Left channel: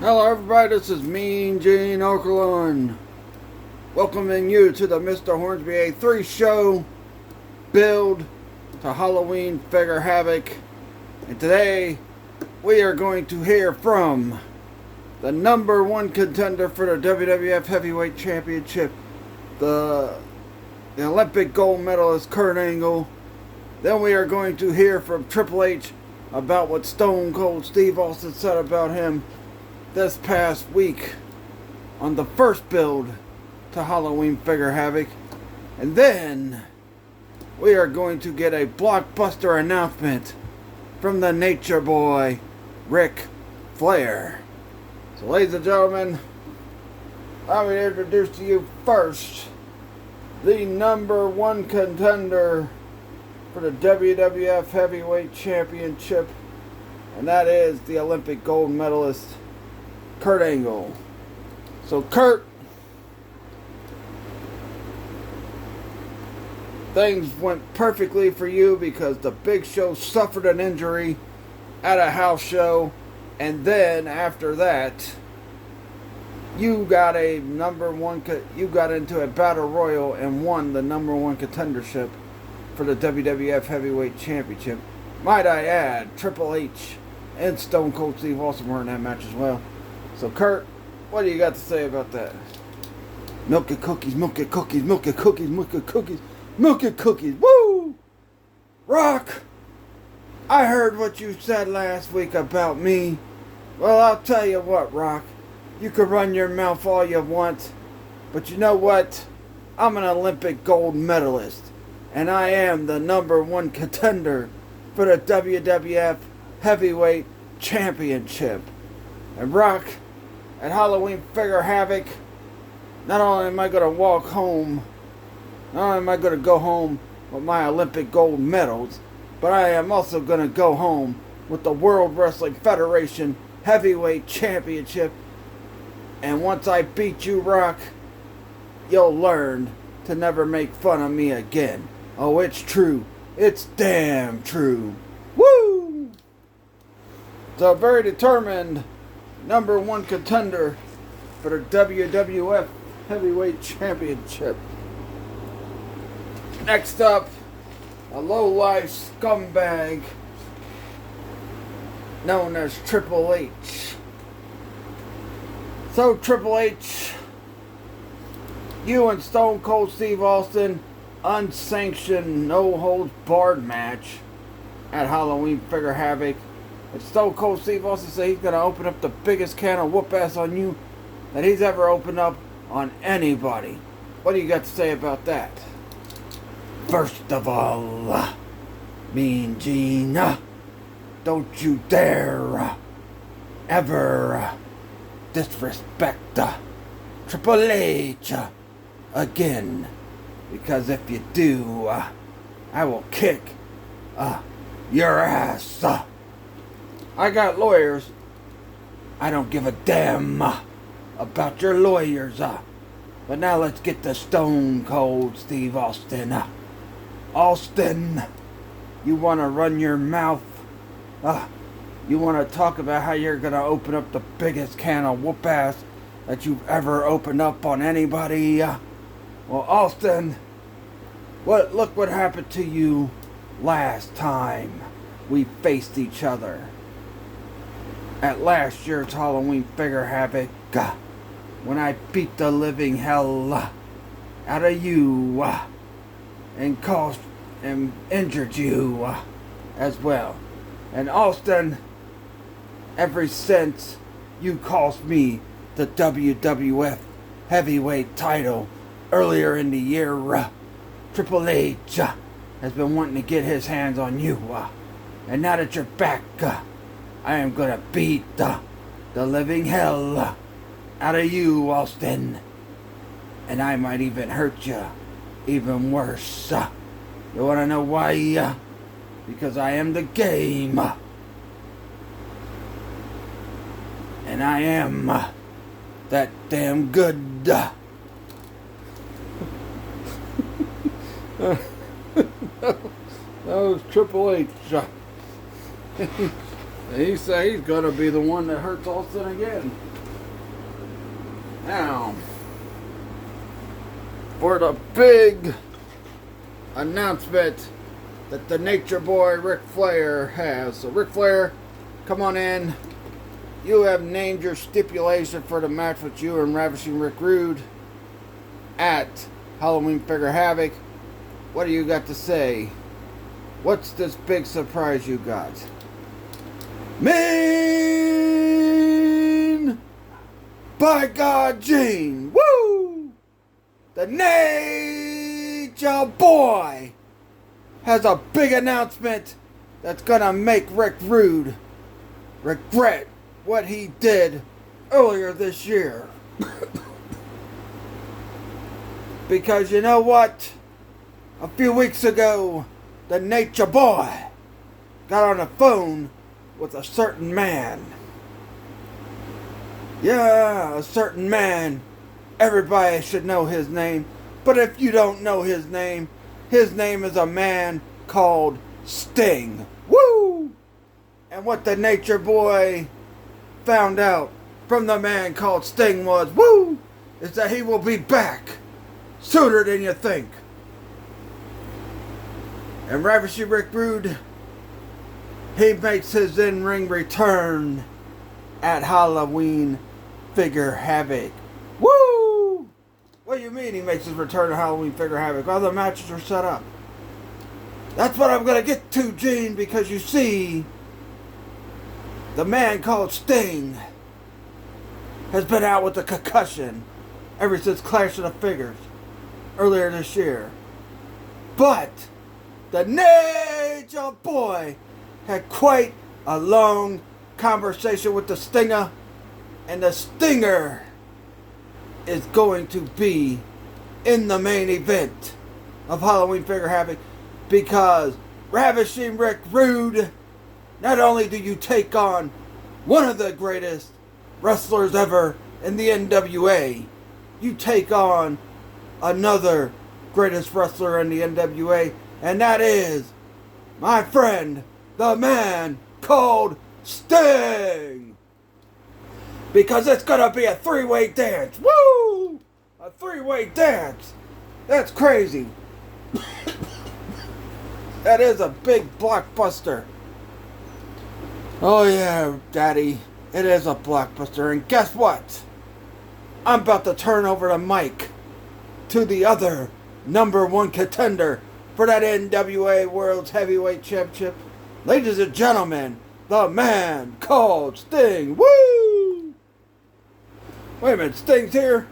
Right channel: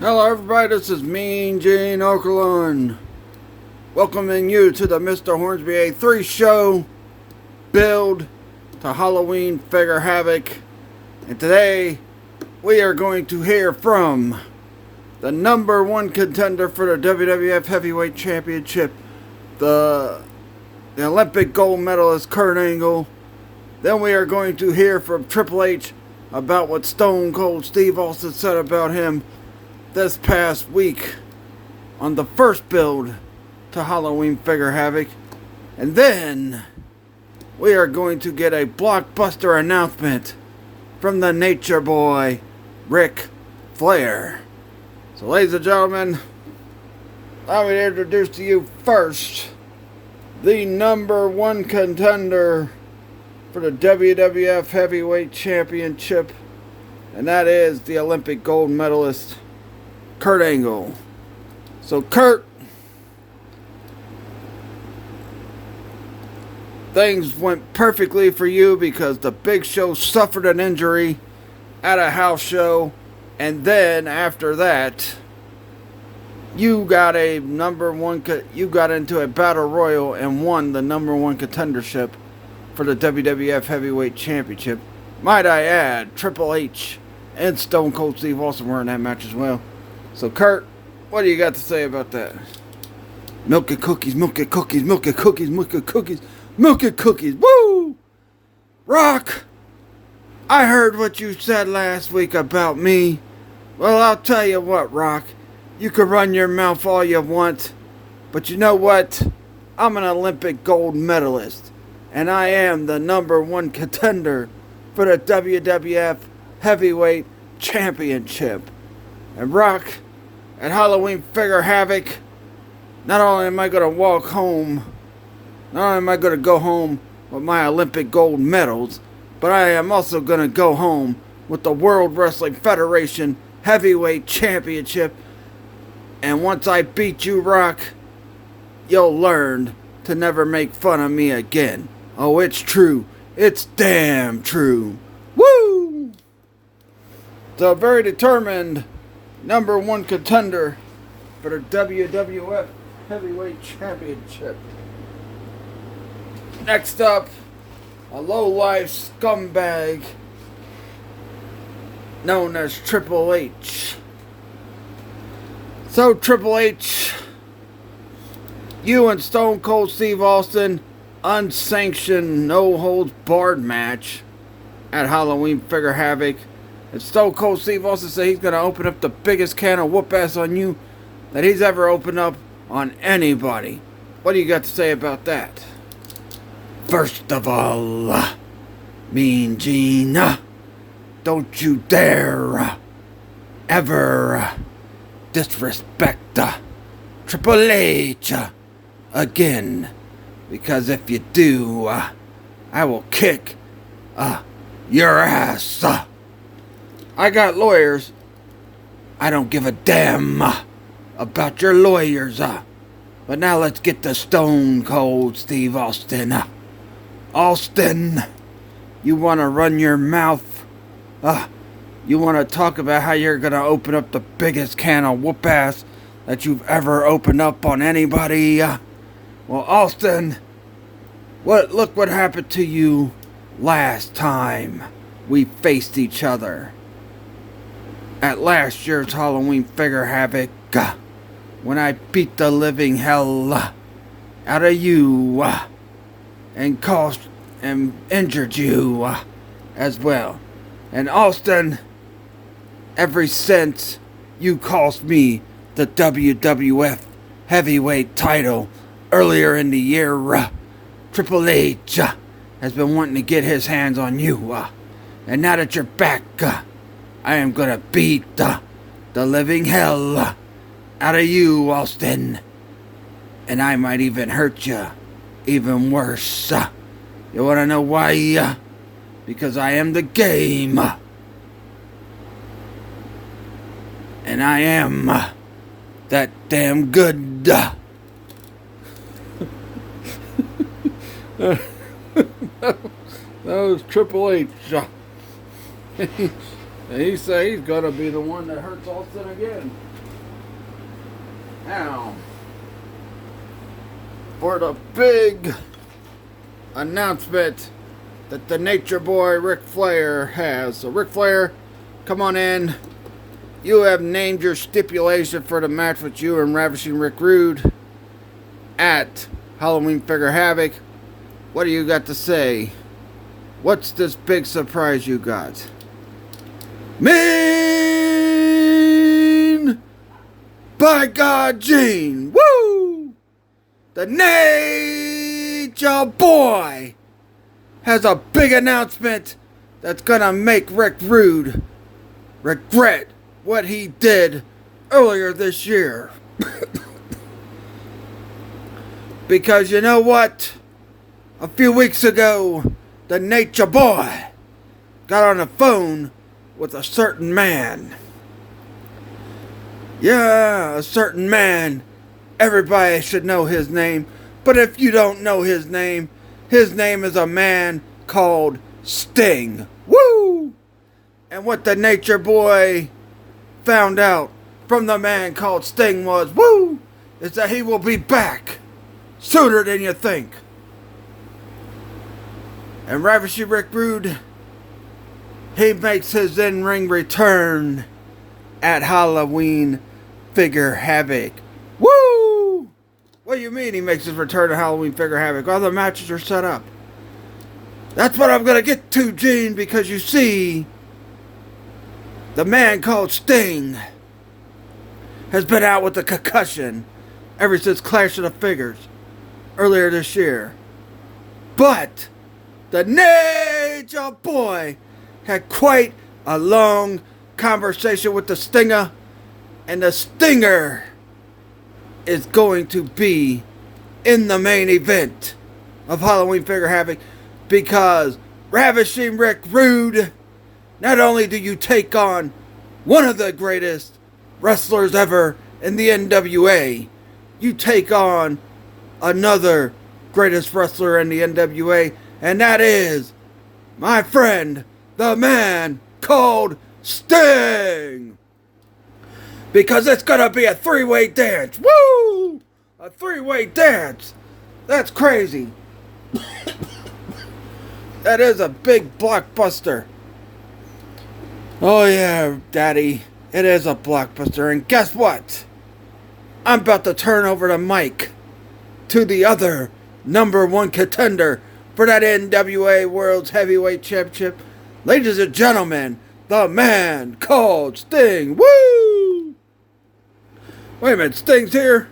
Hello everybody, this is Mean Gene Okerlund, welcoming you to the Mr. Hornsby A3 show, build to Halloween Figure Havoc. And today, we are going to hear from the number one contender for the WWF Heavyweight Championship, the Olympic gold medalist Kurt Angle. Then we are going to hear from Triple H about what Stone Cold Steve Austin said about him this past week on the first build to Halloween Figure Havoc. And then we are going to get a blockbuster announcement from the Nature Boy, Ric Flair. So ladies and gentlemen, I would introduce to you first the number one contender for the WWF Heavyweight Championship, and that is the Olympic gold medalist Kurt Angle. So Kurt, things went perfectly for you because the Big Show suffered an injury at a house show, and then after that, you got you got into a battle royal and won the number one contendership for the WWF Heavyweight Championship. Might I add, Triple H and Stone Cold Steve Austin were in that match as well. So Kurt, what do you got to say about that? Milk and cookies, milk and cookies, milk and cookies, milk and cookies, milk and cookies, woo! Rock, I heard what you said last week about me. Well, I'll tell you what, Rock. You can run your mouth all you want, but you know what? I'm an Olympic gold medalist, and I am the number one contender for the WWF Heavyweight Championship. And Rock, at Halloween Figure Havoc, not only am I going to walk home, not only am I going to go home with my Olympic gold medals, but I am also going to go home with the World Wrestling Federation Heavyweight Championship. And once I beat you, Rock, you'll learn to never make fun of me again. Oh, it's true. It's damn true. Woo! So very determined number one contender for the WWF Heavyweight Championship. Next up, a low-life scumbag known as Triple H. So Triple H, you and Stone Cold Steve Austin, unsanctioned, no-holds-barred match at Halloween Figure Havoc. And Stone Cold Steve Austin said he's going to open up the biggest can of whoop-ass on you that he's ever opened up on anybody. What do you got to say about that? First of all, Mean Gene, don't you dare ever disrespect Triple H again. Because if you do, I will kick your ass. I got lawyers. I don't give a damn about your lawyers. But now let's get to Stone Cold Steve Austin. Austin, you want to run your mouth? You want to talk about how you're going to open up the biggest can of whoop-ass that you've ever opened up on anybody? Well, Austin, look what happened to you last time we faced each other. At last year's Halloween Figure Havoc, when I beat the living hell out of you and injured you as well. And Austin, ever since you cost me the WWF Heavyweight title earlier in the year, Triple H has been wanting to get his hands on you. And now that you're back, I am gonna beat the living hell out of you, Austin. And I might even hurt you even worse. You wanna know why? Because I am the game. And I am that damn good. That was Triple H. And he say he's gonna be the one that hurts Austin again. Now, for the big announcement that the Nature Boy Ric Flair has. So Ric Flair, come on in. You have named your stipulation for the match with you and Ravishing Rick Rude at Halloween Figure Havoc. What do you got to say? What's this big surprise you got? Mean by God Gene. Woo! The Nature Boy has a big announcement that's gonna make Rick Rude regret what he did earlier this year. Because you know what? A few weeks ago, the Nature Boy got on the phone with a certain man. Yeah, a certain man. Everybody should know his name. But if you don't know his name is a man called Sting. Woo! And what the Nature Boy found out from the man called Sting was, woo, is that he will be back sooner than you think. And Ravishing Rick Rude, he makes his in-ring return at Halloween Figure Havoc. Woo! What do you mean he makes his return to Halloween Figure Havoc? All the matches are set up. That's what I'm going to get to, Gene, because you see, the man called Sting has been out with a concussion ever since Clash of the Figures earlier this year. But the Nature Boy had quite a long conversation with the Stinger, and the Stinger is going to be in the main event of Halloween Figure Havoc, because Ravishing Rick Rude, not only do you take on one of the greatest wrestlers ever in the NWA, you take on another greatest wrestler in the NWA, and that is my friend, the man called Sting. Because it's gonna be a three-way dance. Woo! A three-way dance. That's crazy. That is a big blockbuster. Oh yeah, Daddy. It is a blockbuster. And guess what? I'm about to turn over the mic to the other number one contender for that NWA World's Heavyweight Championship. Ladies and gentlemen, the man called Sting. Woo! Wait a minute, Sting's here?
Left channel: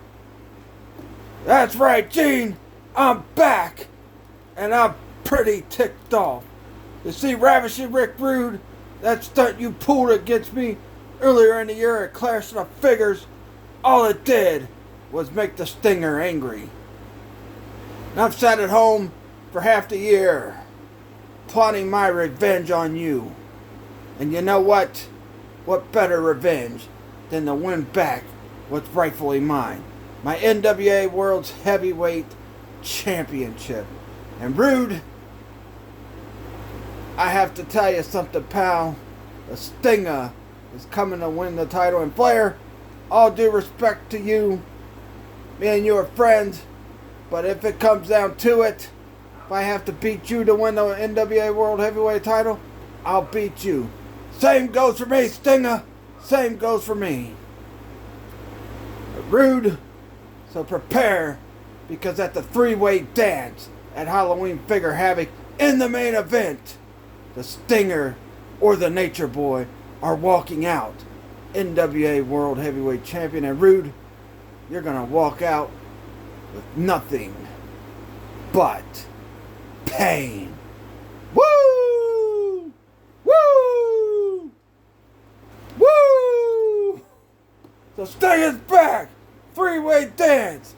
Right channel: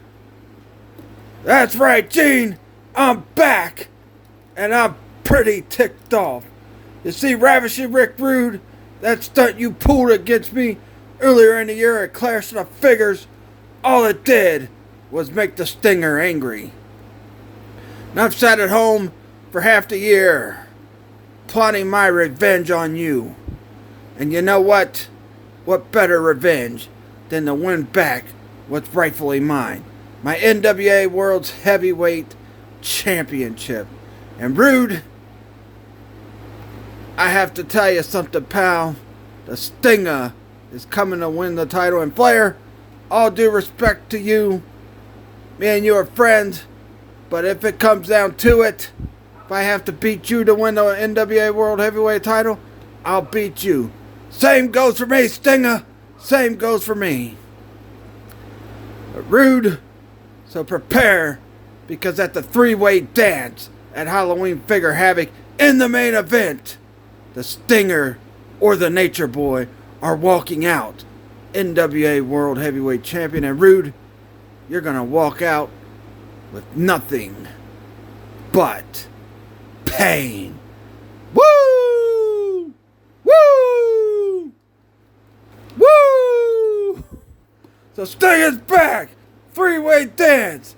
That's right, Gene. I'm back. And I'm pretty ticked off. You see, Ravishing Rick Rude, that stunt you pulled against me earlier in the year at Clash of the Figures, all it did was make the Stinger angry. And I've sat at home for half the year, plotting my revenge on you. And you know what? What better revenge than to win back what's rightfully mine? My NWA World's Heavyweight Championship. And Rude, I have to tell you something, pal. The Stinger is coming to win the title. And Flair, all due respect to you, me and you are friends, but if it comes down to it, if I have to beat you to win the NWA World Heavyweight title, I'll beat you. Same goes for me, Stinger. Same goes for me. But Rude, so prepare, because at the three-way dance at Halloween Figure Havoc, in the main event, the Stinger or the Nature Boy are walking out NWA World Heavyweight Champion. And Rude, you're going to walk out with nothing but pain. Woo! Woo! Woo! So Sting is back. Three-way dance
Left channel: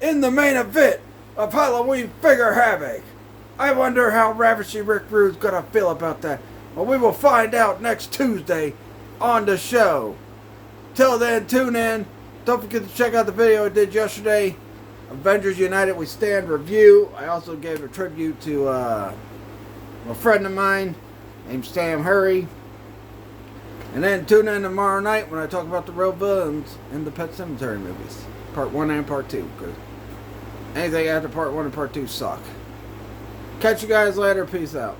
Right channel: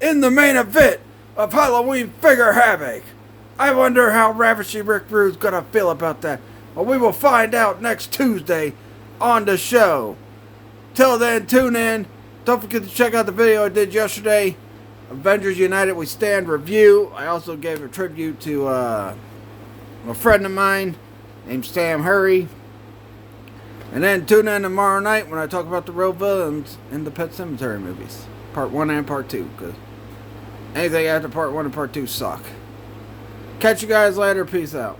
in the main event of Halloween Figure Havoc. I wonder how Ravishing Rick Rude's gonna feel about that. Well, we will find out next Tuesday on the show. Till then, tune in. Don't forget to check out the video I did yesterday. Avengers United We Stand review. I also gave a tribute to a friend of mine named Sam Hurry. And then tune in tomorrow night when I talk about the real villains in the Pet Sematary movies. Part 1 and Part 2. Because anything after Part 1 and Part 2 suck. Catch you guys later. Peace out.